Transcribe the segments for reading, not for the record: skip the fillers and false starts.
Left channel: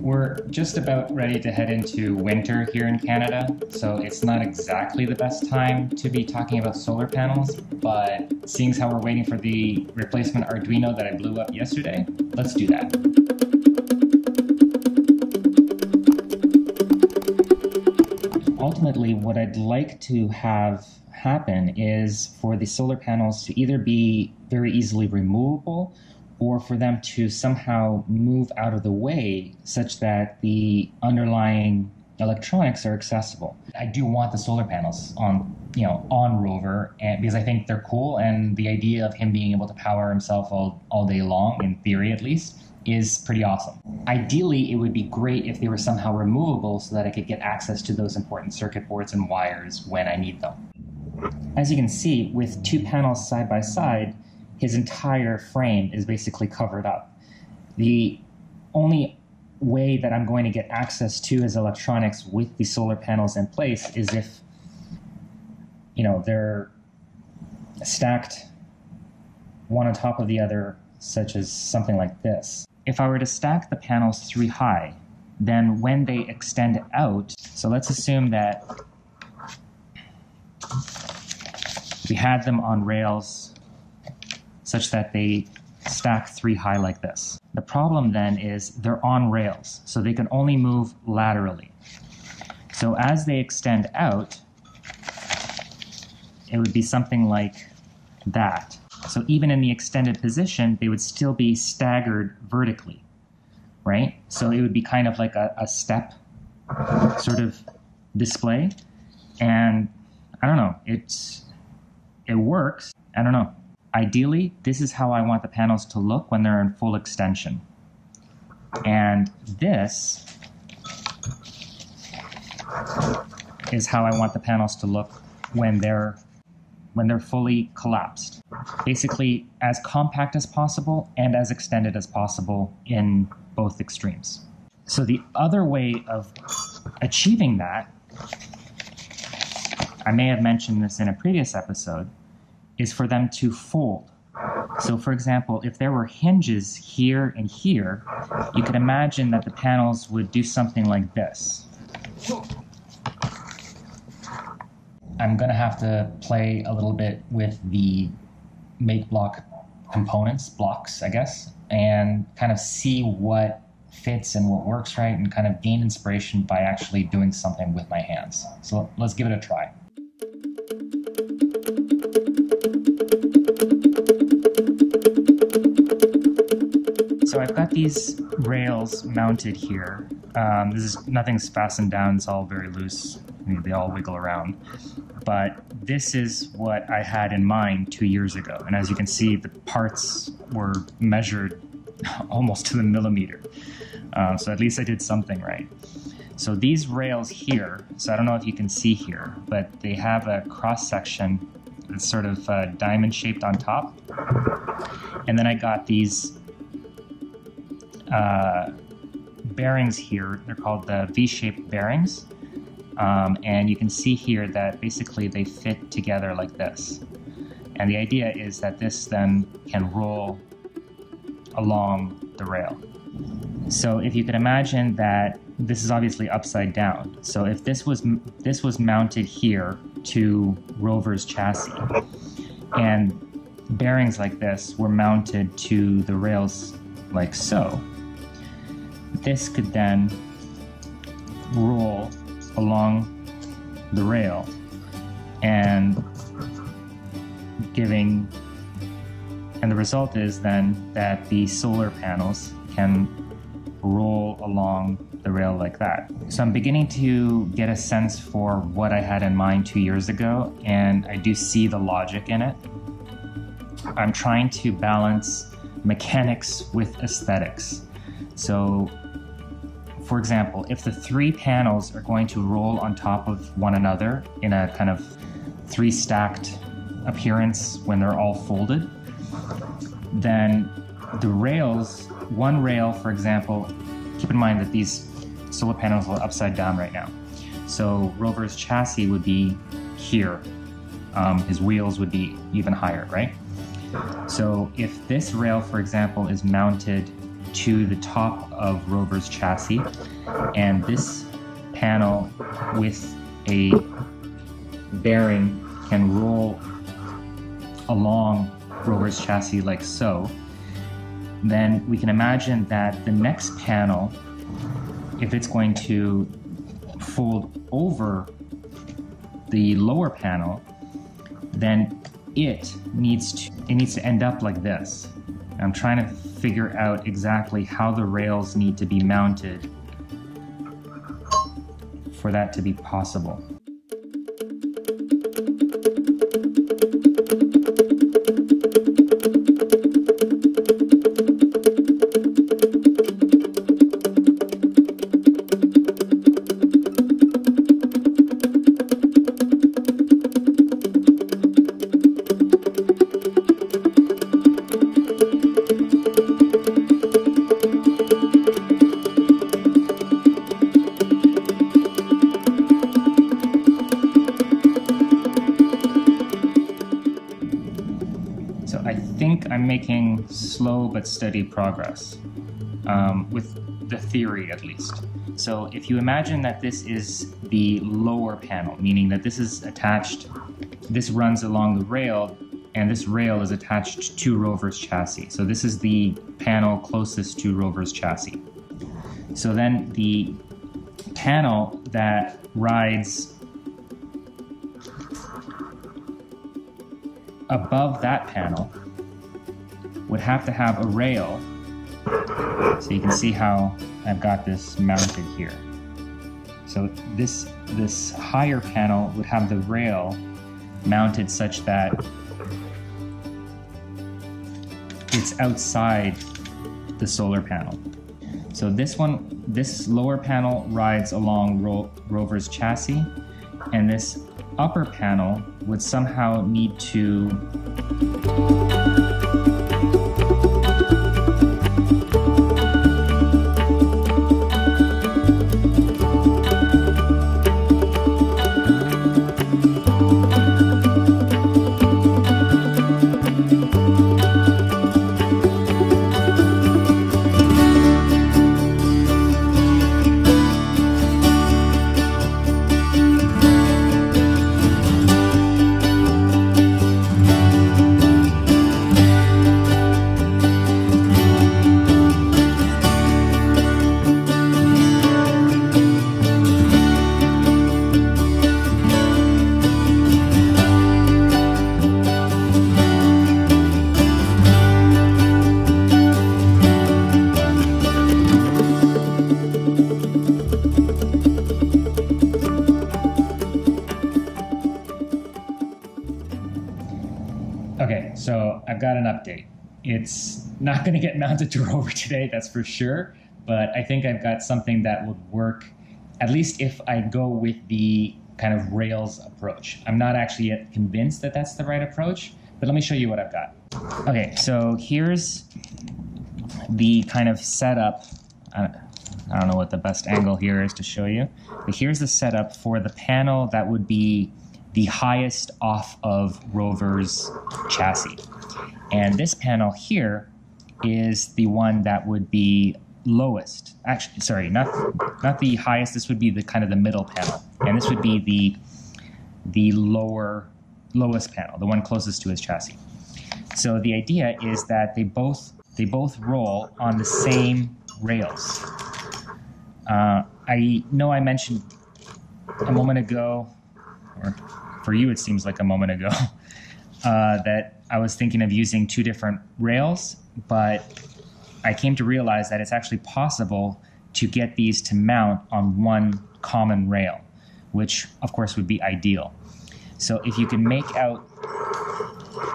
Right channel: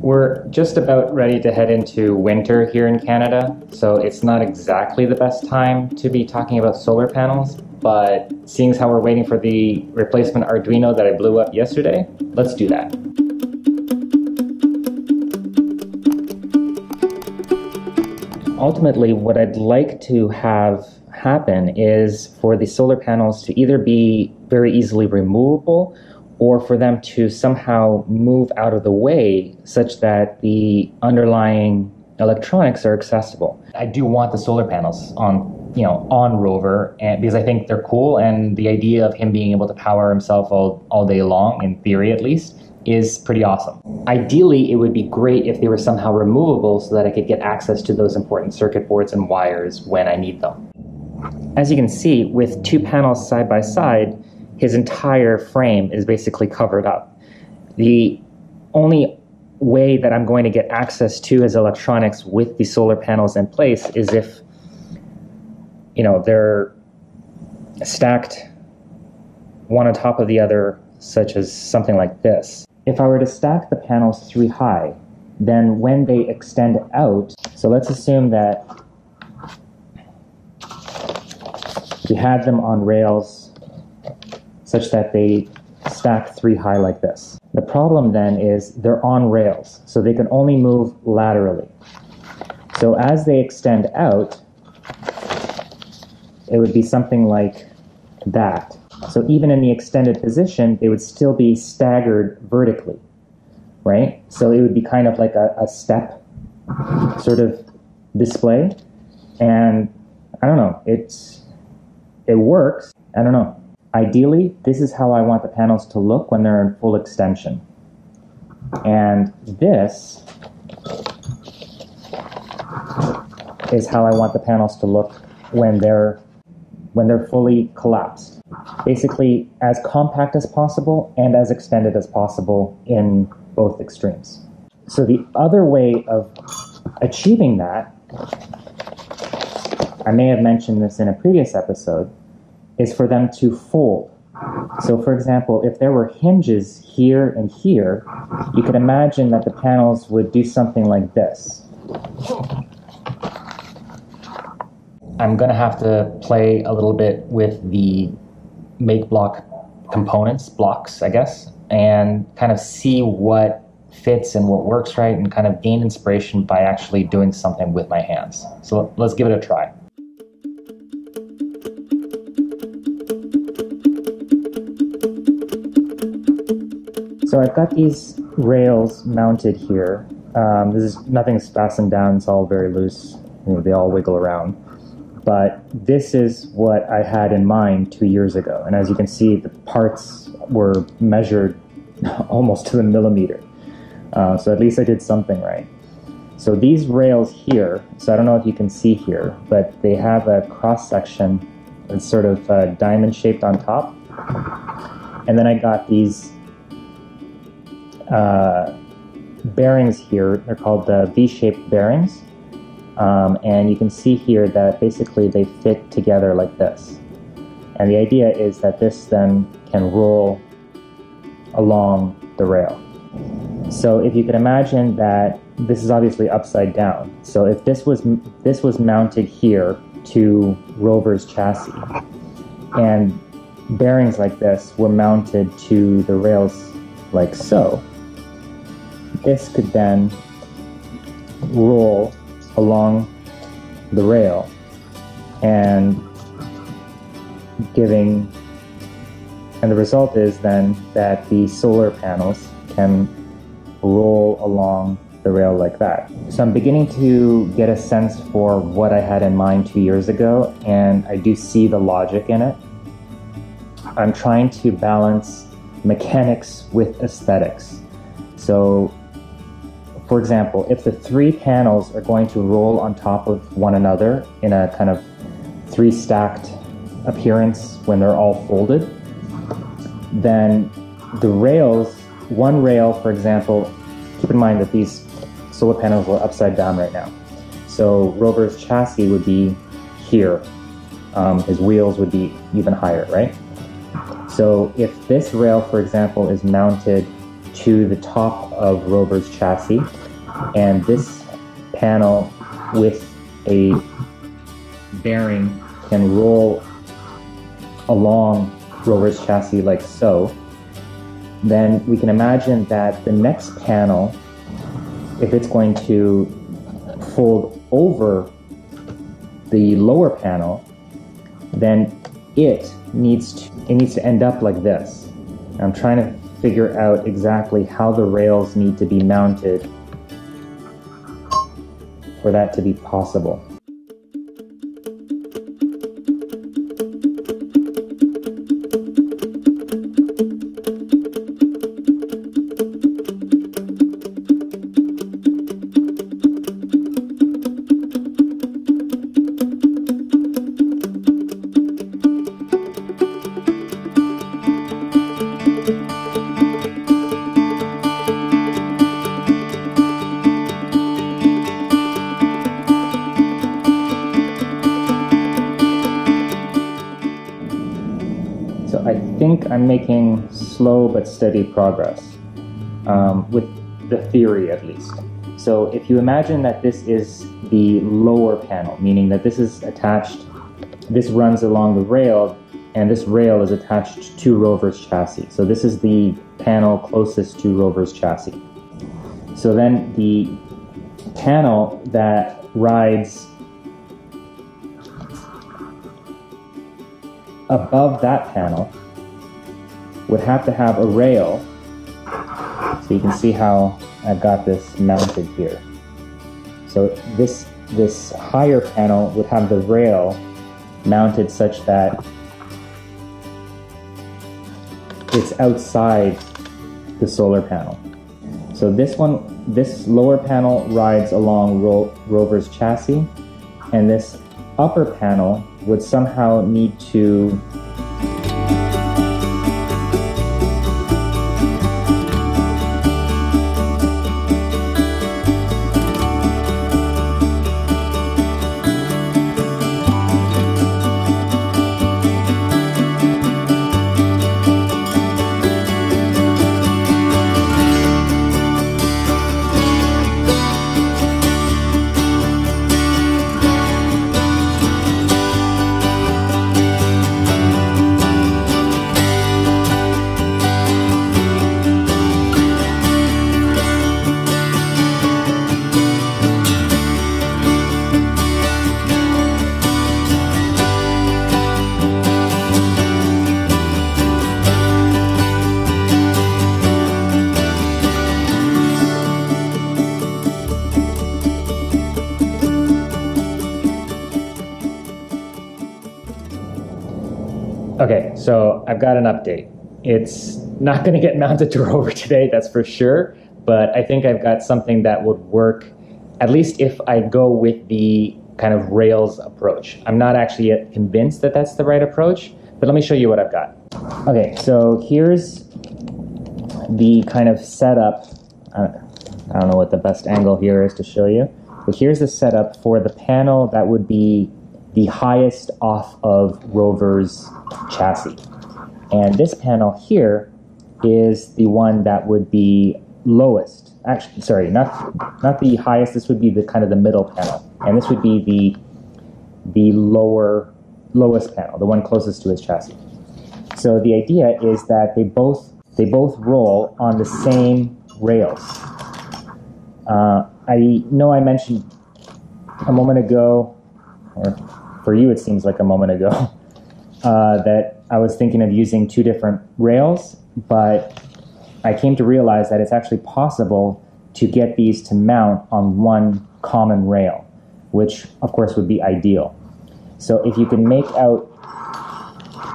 We're just about ready to head into winter here in Canada, so it's not exactly the best time to be talking about solar panels, but seeing as how we're waiting for the replacement Arduino that I blew up yesterday, let's do that. Ultimately, what I'd like to have happen is for the solar panels to either be very easily removable or for them to somehow move out of the way such that the underlying electronics are accessible. I do want the solar panels on ROVer, and because I think they're cool, and the idea of him being able to power himself all day long, in theory at least, is pretty awesome. Ideally, it would be great if they were somehow removable so that I could get access to those important circuit boards and wires when I need them. As you can see, with two panels side by side, his entire frame is basically covered up. The only way that I'm going to get access to his electronics with the solar panels in place is if, they're stacked one on top of the other, such as something like this. If I were to stack the panels 3 high, then when they extend out, so let's assume that we had them on rails such that they stack 3 high like this. The problem then is they're on rails, so they can only move laterally. So as they extend out, it would be something like that. So even in the extended position, they would still be staggered vertically, right? So it would be kind of like a step sort of display. And I don't know, it works, I don't know. Ideally, this is how I want the panels to look when they're in full extension. And this is how I want the panels to look when they're fully collapsed. Basically, as compact as possible and as extended as possible in both extremes. So the other way of achieving that, I may have mentioned this in a previous episode, is for them to fold. So for example, if there were hinges here and here, you could imagine that the panels would do something like this. I'm gonna have to play a little bit with the Makeblock components, blocks, I guess, and kind of see what fits and what works right, and kind of gain inspiration by actually doing something with my hands. So let's give it a try. So I've got these rails mounted here. Nothing's fastened down, it's all very loose. They all wiggle around. But this is what I had in mind 2 years ago. And as you can see, the parts were measured almost to the millimeter. So at least I did something right. So these rails here, so I don't know if you can see here, but they have a cross section that's sort of diamond shaped on top. And then I got these bearings here. They're called the V-shaped bearings. And you can see here that basically they fit together like this. And the idea is that this then can roll along the rail. So if you can imagine that this is obviously upside down. So if this was mounted here to ROVer's chassis, and bearings like this were mounted to the rails like so, this could then roll along the rail and the result is then that the solar panels can roll along the rail like that. So I'm beginning to get a sense for what I had in mind 2 years ago, and I do see the logic in it. I'm trying to balance mechanics with aesthetics. So for example, if the 3 panels are going to roll on top of one another in a kind of 3 stacked appearance when they're all folded, then the rails, one rail, for example, keep in mind that these solar panels are upside down right now. So ROVer's chassis would be here. His wheels would be even higher, right? So if this rail, for example, is mounted to the top of ROVer's chassis, and this panel with a bearing can roll along ROVer's chassis like so. Then we can imagine that the next panel, if it's going to fold over the lower panel, then it needs to end up like this. I'm trying to figure out exactly how the rails need to be mounted for that to be possible. So I think I'm making slow but steady progress, with the theory at least. So if you imagine that this is the lower panel, meaning that this is attached, this runs along the rail, and this rail is attached to ROVer's chassis. So this is the panel closest to ROVer's chassis. So then the panel that rides above that panel would have to have a rail. So you can see how I've got this mounted here. So this higher panel would have the rail mounted such that it's outside the solar panel. So this lower panel rides along ROVer's chassis, and this upper panel would somehow need to Okay, so I've got an update. It's not going to get mounted to ROVer today, that's for sure, but I think I've got something that would work, at least if I go with the kind of rails approach. I'm not actually yet convinced that that's the right approach, but let me show you what I've got. Okay, so here's the kind of setup. I don't know what the best angle here is to show you, but here's the setup for the panel that would be the highest off of ROVer's chassis. And this panel here is the one that would be lowest. Actually, sorry, not the highest. This would be the kind of the middle panel, and this would be the lowest panel, the one closest to his chassis. So the idea is that they both roll on the same rails. I know I mentioned a moment ago, or for you it seems like a moment ago, that I was thinking of using two different rails, but I came to realize that it's actually possible to get these to mount on one common rail, which of course would be ideal. So if you can make out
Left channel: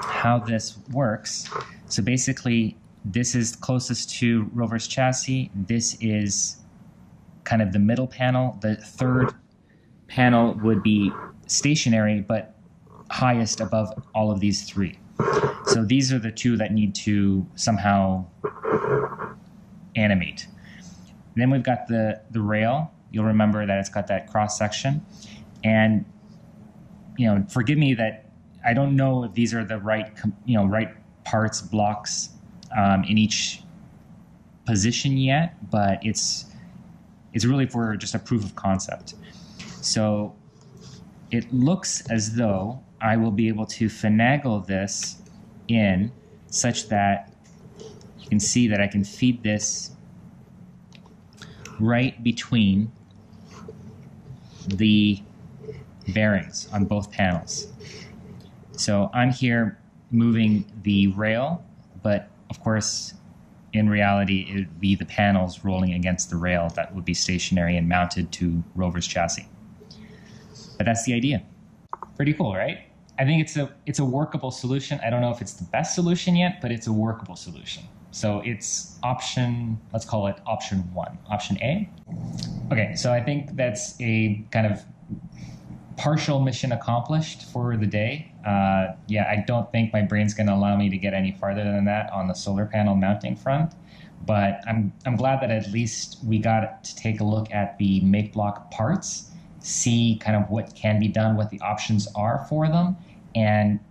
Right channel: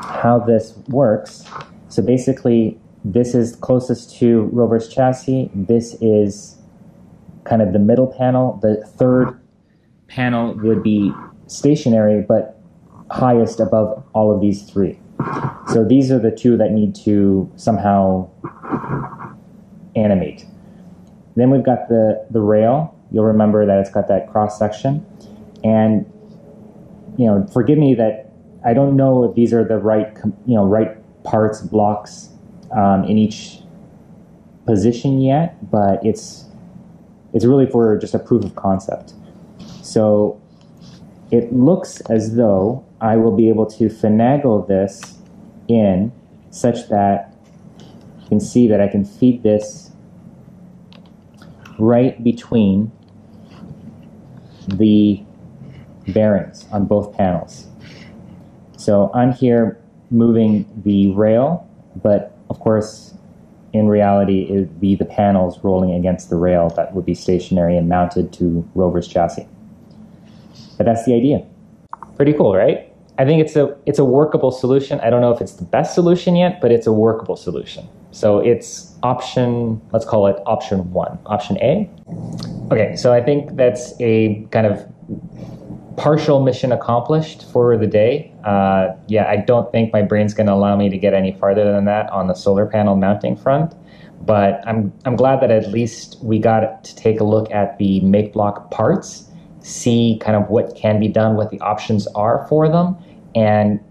how this works, so basically this is closest to ROVer's chassis, this is kind of the middle panel, the third panel would be stationary but highest above all of these three. So these are the two that need to somehow animate. Then we've got the rail. You'll remember that it's got that cross section, and forgive me that I don't know if these are the right right parts, blocks in each position yet, but it's really for just a proof of concept. So it looks as though I will be able to finagle this in such that you can see that I can feed this right between the bearings on both panels. So I'm here moving the rail, but of course, in reality, it would be the panels rolling against the rail that would be stationary and mounted to ROVer's chassis. But that's the idea. Pretty cool, right? I think it's a workable solution. I don't know if it's the best solution yet, but it's a workable solution. So it's option, let's call it option 1, option A. Okay, so I think that's a kind of partial mission accomplished for the day. Yeah, I don't think my brain's going to allow me to get any farther than that on the solar panel mounting front, but I'm glad that at least we got to take a look at the Makeblock parts, see kind of what can be done, what the options are for them, and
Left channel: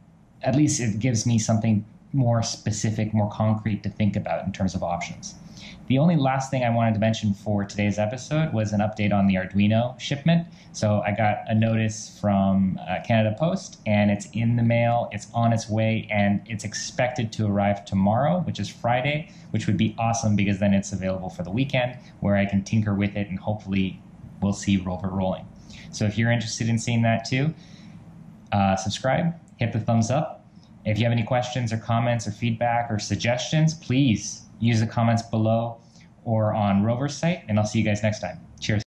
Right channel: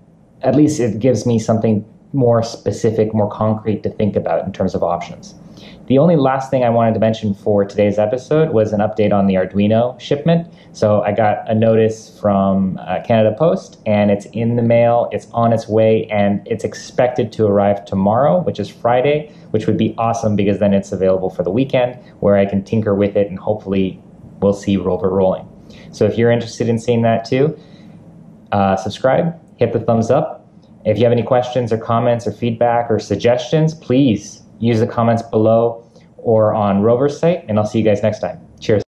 at least it gives me something more specific, more concrete to think about in terms of options. The only last thing I wanted to mention for today's episode was an update on the Arduino shipment. So I got a notice from Canada Post, and it's in the mail, it's on its way, and it's expected to arrive tomorrow, which is Friday, which would be awesome because then it's available for the weekend where I can tinker with it and hopefully we'll see ROVer rolling. So if you're interested in seeing that too, subscribe, hit the thumbs up. If you have any questions or comments or feedback or suggestions, please use the comments below or on ROVer's site, and I'll see you guys next time. Cheers.